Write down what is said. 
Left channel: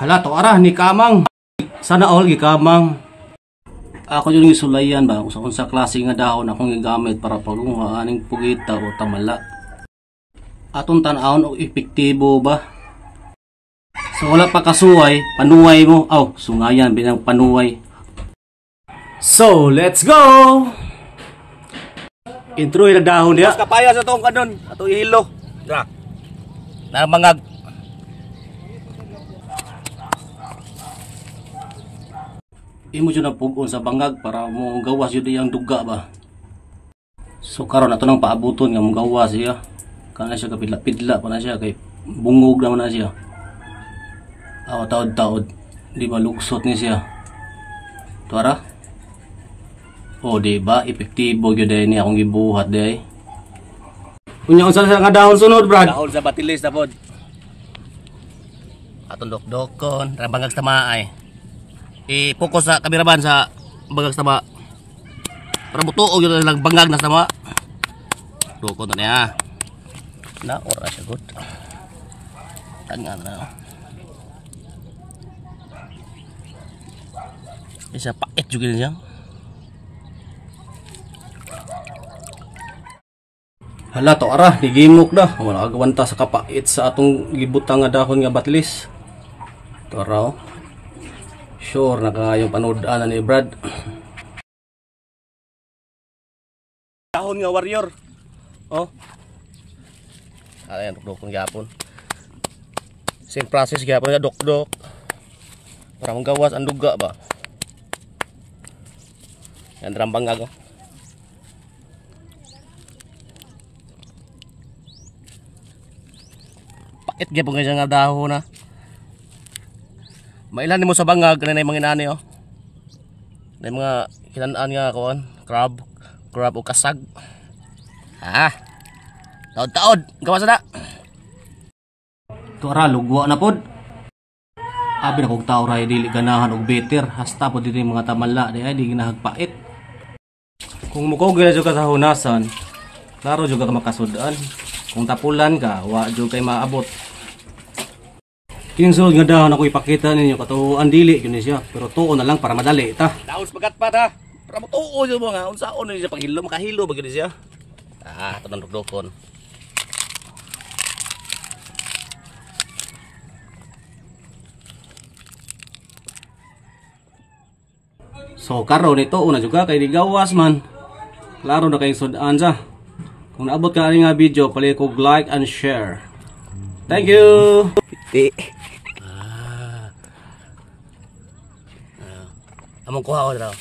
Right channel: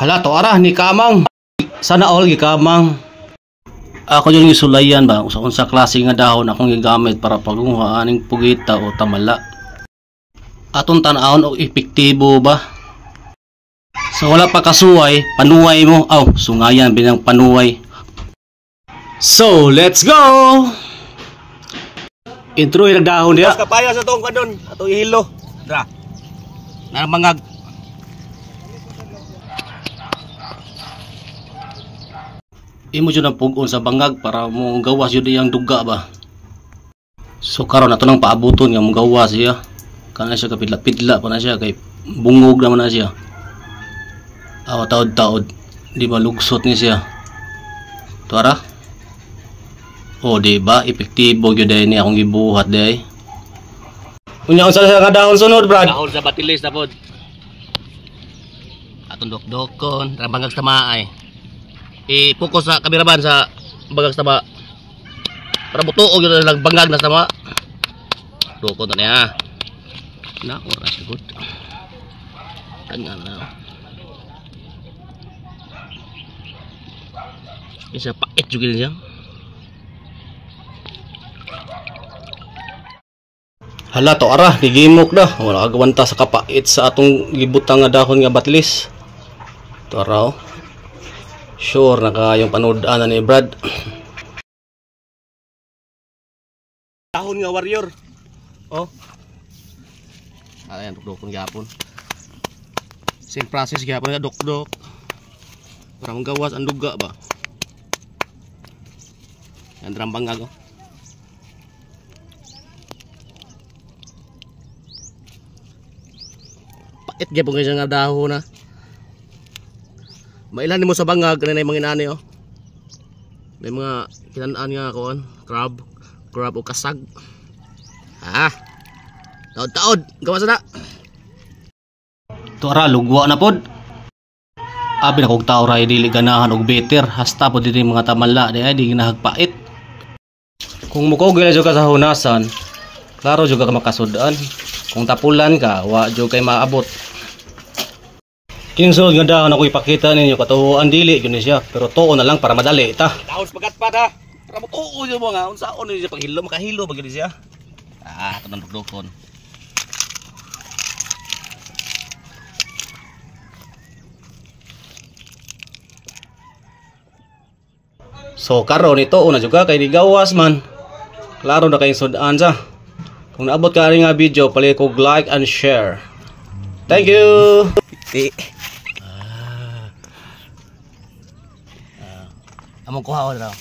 Hala to ara ni kamang. Sana all gikamang. Ako yung isulayan ba kung sa klase nga dahon akong gigamit para pagunguha aning pugita o tamala. Atong tan-awon og epektibo ba? So wala pa kasuway, panuway mo. Aw, sungayan binang panuway. So, let's go! Intro yung dahon niya. Mas kapaya sa itong kanon, itong ihilo. Tara, namangag. Imo dyan ang pugon sa bangag para mong gawas yun yung duga ba. So karon ato nang paabuton nga mong gawas siya. Kana siya kapidla-pidla pa na siya kay bungog naman na siya. Awa taod-taod, di ba luksot ni siya. Tuara? O di ba epektibo gyud ni akong gibuhat day. Unya unsa sa dahon sunod, Brad? Dahon sa batilis na pod. Atong dokdokon, rambangag sa maay. I-focus sa kameraman sa bagag sa ma. Para butuog yun lang bangag na sa ma. Dokon to niya. Na ora siya good. Tangan na. Isa paket juga niya. Hala to ara, gigimok da. Wala kagawanta sa kapait sa atong gibutang nga dahon nga batilis. To ara oh. Sure naka yung panood-an na ni Brad. Dahon nga warrior. Oh. Ayan, dokdok ng gapon. Same process gapon nga dokdok. Para manggawas ang duga ba. Yan rambangag oh. Pakit gyapon kay nga dahon na. Mailan mo sa bangag kanay mga inani oh. May mga kinanaan nga kuan, crab o kasag. Ha. Taod-taod, gawas na. To ara lugwa na pod. Abi na kog tawo ra dili ganahan og better, hasta pod dito mga tamala di ay di ginahagpait. Kung muko gyud ka sa hunasan, klaro jud ka makasud-an. Kung tapulan ka, wa jud kay maabot. Kinsunod nga dahon ako ipakita ninyo katuoan dili yun siya pero tuo na lang para madali ta. Dahon pagat pa ta. Para mo tuo yo mga unsaon ni siya paghilo makahilo ba gid siya. Ah, tanan dokdokon. So karon ito una juga kay digawas man. Klaro na kay sud-an sa. Kung naabot ka nga video, pali ko like and share. Thank you. Among kuha ko daw.